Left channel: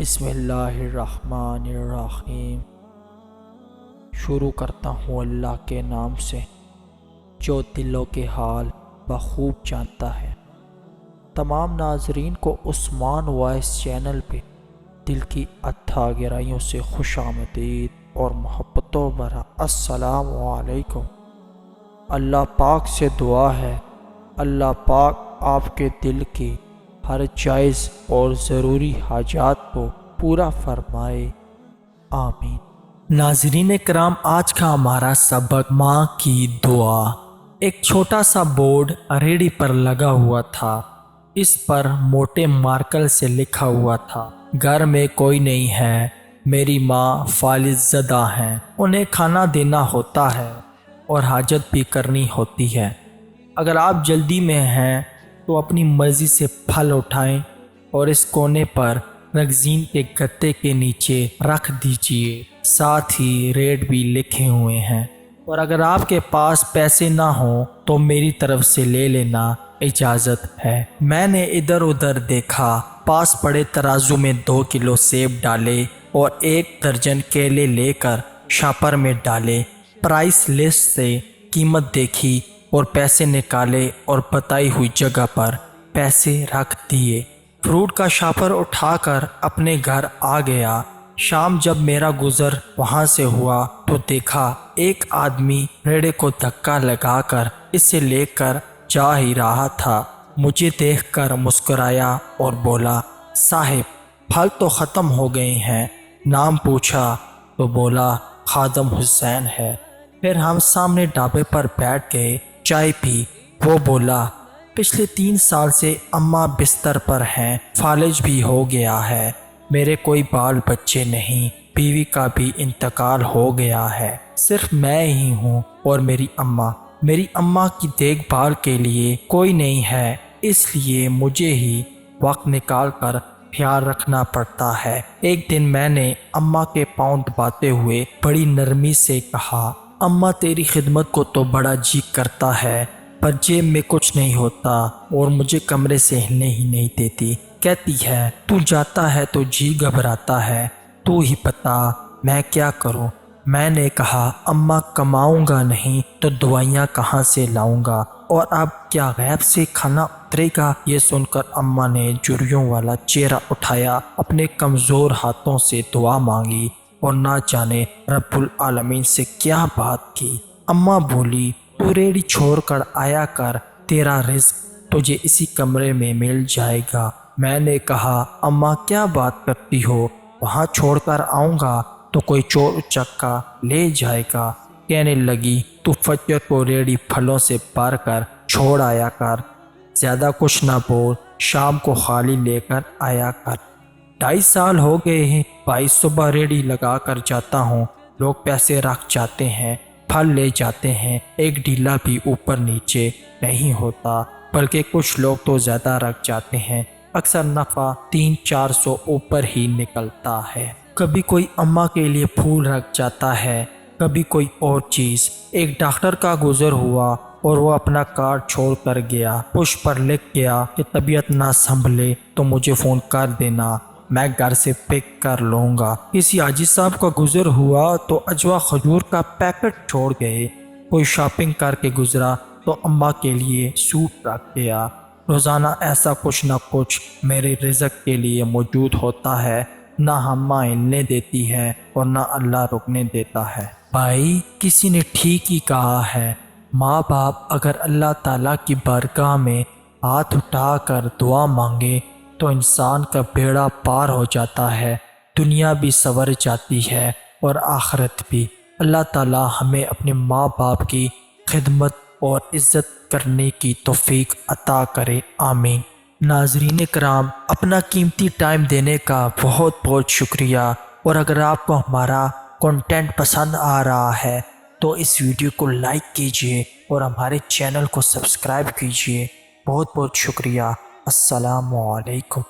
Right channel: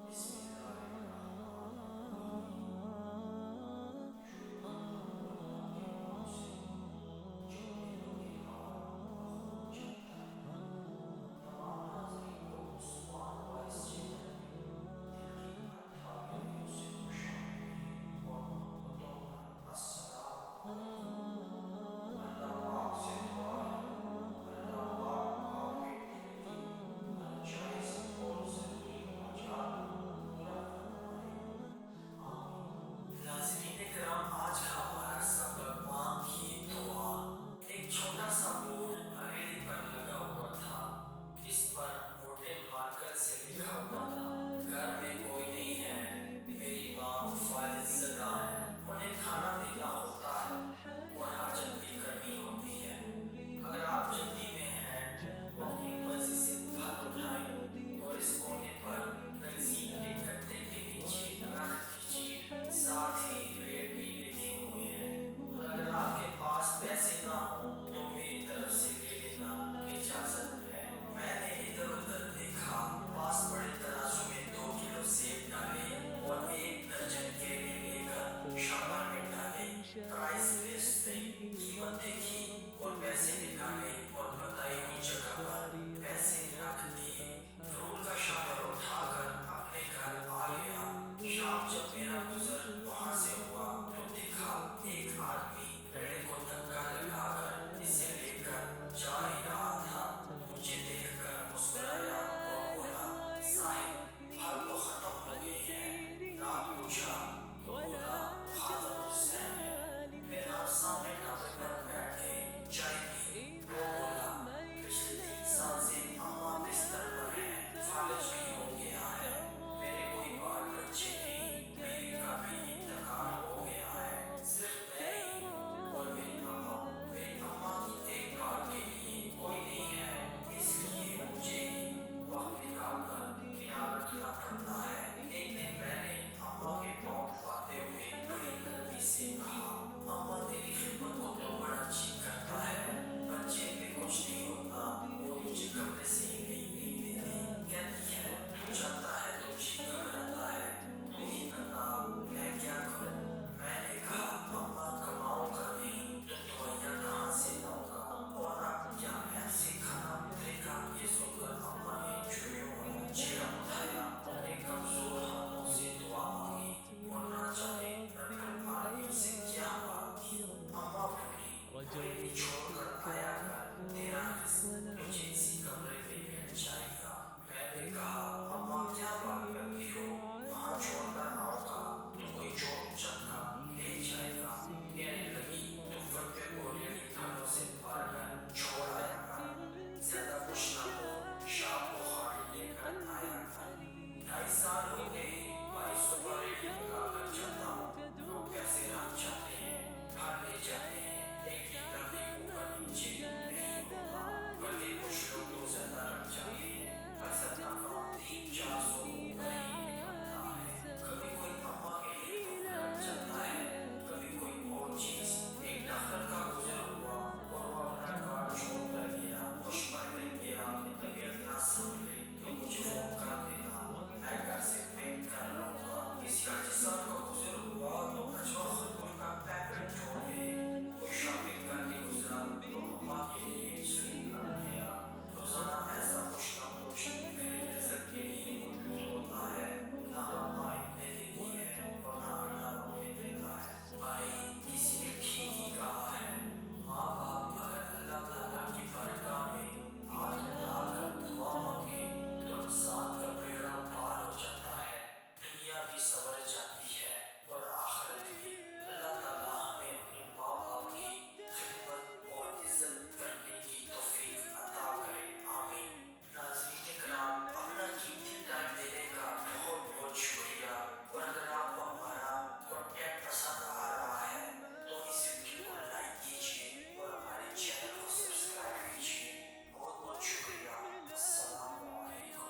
بسم اللہ الرحمن الرحیم۔ شروع کرتا ہوں اللہ کے نام سے جو دلوں کے حال بخوب جانتا ہے۔ تمام ناظرین کو عثمان وائس چینل پہ دل کی اتھا گہرائیوں سے خوش آمدید اور محبتوں بھرا السلام علیکم۔ اللہ پاک سے دعا ہے اللہ پاک آپ کے دل کی ہر جائز اور ضروری حاجات کو پورا فرمائے، آمین۔ ناظرین کرام، آج کا ہمارا سبق ماں کی دعا۔ ایک چھوٹا سا بورڈ ریڑھی پر لگا ہوا تھا۔ اس پر موٹے مارکر سے لکھا ہوا تھا، گھر میں کوئی نہیں ہے، میری ماں فالج زدہ ہیں، انہیں کھانا دینا ہوتا ہے اور حاجت بھی کرنی ہوتی ہے۔ اگر آپ جلدی میں ہیں تو اپنی مرضی سے پھل اٹھائیں اور اس کونے پر رگزین کے گتے کے نیچے رکھ دیجئے، ساتھ ہی ریٹ بھی لکھے ہوئے ہیں، اور اگر آپ کے پاس پیسے نہ ہوں تو میری طرف سے لے لینا، اجازت ہے۔ میں نے ادھر ادھر دیکھا، پاس پڑے ترازو میں 2 کلو سیب ڈالے اور 1 درجن کیلے لے کر شاپر میں ڈالے، پرائس لسٹ سے قیمت دیکھی اور پیسے نکالے اور بتائی ہوئی جگہ پر پیسے رکھ دیے۔ فروٹ کا شاپر اٹھا کر اپنے گھر آ گیا۔ شام جب میرا گزر وہاں سے ہوا تو دیکھا ایک آدمی ریڑے کو دھکا لگا کر اسے لے کر جا ہی رہا تھا۔ مجھے دیکھ کر مسکرایا اور بولا، صاحب پھل تو ختم ہو گئے ہیں۔ نام پوچھا تو بولا خادم حسین ہے۔ پھر ہم سامنے ڈھابے پر بیٹھ گئے، چائے پی۔ وہ بولا، پچھلے 3 سال سے اماں بستر پر ہیں، فالج بھی ہو گیا ہے، میرے کوئی بال بچے نہیں، بیوی کا بھی انتقال ہو گیا ہے، صرف میں ہی ہوں اور میری اماں کی دیکھ بھال کے لیے کوئی نہیں ہے، اس لیے مجھے ہی وقت نکال کر خیال رکھنا پڑتا ہے۔ ایک دن میں نے اماں کے پاؤں دباتے ہوئے بڑی نرمی سے کہا، اماں تیری خدمت کو تو بڑا جی کرتا ہے، پر جیب میں کچھ نہیں ہوتا اور مجھے کمرے سے ہلنے ہی نہیں دیتی۔ کہتی ہے تو جاتا ہے تو جی گھبراتا ہے، تو ہی بتا میں کیا کروں۔ میں نے کہا، اماں کماؤں گا نہیں تو دوائیاں کہاں سے لاؤں گا، اور اب کیا غیب سے کھانا اترے گا؟ یہ سن کر اماں نے جھریوں والا چہرہ اٹھایا، اپنے کمزور ہاتھوں سے دعا مانگی اور نہ جانے رب العالمین سے کیا بات کی۔ اماں بولی، تو ریڑھی چھوڑ کر آیا کر، تیرا رزق تجھے اسی کمرے میں مل جائے گا۔ میں نے کہا، اماں کیا بات کرتی ہو، وہاں چھوڑ کر آؤں گا تو کوئی چور اچکا لے جائے گا۔ کہنے لگی، تو فجر کو ریڑھی پھلوں سے بھر کر چھوڑ آیا کر، زیادہ کچھ نہ بول، شام کو خالی لے کر آیا کر۔ 2.5 سال ہو گئے ہیں بھائی، صبح ریڑھی لگا کر جاتا ہوں، لوگ پیسے رکھ جاتے ہیں، پھل لے جاتے ہیں، ایک ڈیلا بھی اوپر نیچے نہیں ہوتا، بلکہ کچھ لوگ تو زیادہ رکھ جاتے ہیں، اکثر نفع 300-400 اوپر ہی نکلتا ہے۔ کبھی کوئی اماں کے لیے پھول رکھ جاتا ہے، کبھی کوئی اور چیز۔ ایک ڈاکٹر کا گزر ہوا اور وہ اپنا کارڈ چھوڑ کر گیا، پش پر لکھ گیا کہ طبیعت نہ سنبھلے تو مجھے فون کر دینا، میں گھر سے پک کر لوں گا۔ کسی حاجی صاحب کا گزر ہوا تو اجوا کھجور کا پیکٹ چھوڑ گئے، کوئی شاپنگ کر کے گزرا تو اماں کے لیے سوٹ رکھ گیا۔ روزانہ ایسا کچھ نہ کچھ میرے رزق کے لیے موجود ہوتا ہے، نہ اماں ہلنے دیتی ہے اور نہ اللہ رکنے دیتا ہے۔ بھائی، کسی نے ٹھیک ہی کہا ہے، ماں باپ اگر اللہ تعالیٰ کی بارگاہ میں ہاتھ اٹھا کر دعا مانگے تو انسان کا بیڑا پار ہو جاتا ہے، دنیا بھی سنور جاتی ہے اور آخرت بھی۔ اللہ تعالیٰ ہمیں اپنے ماں باپ کی خدمت اور عزت کرنے کی توفیق عطا کرے، آمین۔ ناظرین کرام، اپنا قیمتی ٹائم دینے کا بہت بہت شکریہ، اور اگر آپ کو ہمارا کنٹینٹ پسند آ رہا ہے تو اس ویڈیو کو لائک کیجئے اور ہمارے چینل کو سبسکرائب کیجئے۔ بہت بہت شکریہ۔ السلام علیکم۔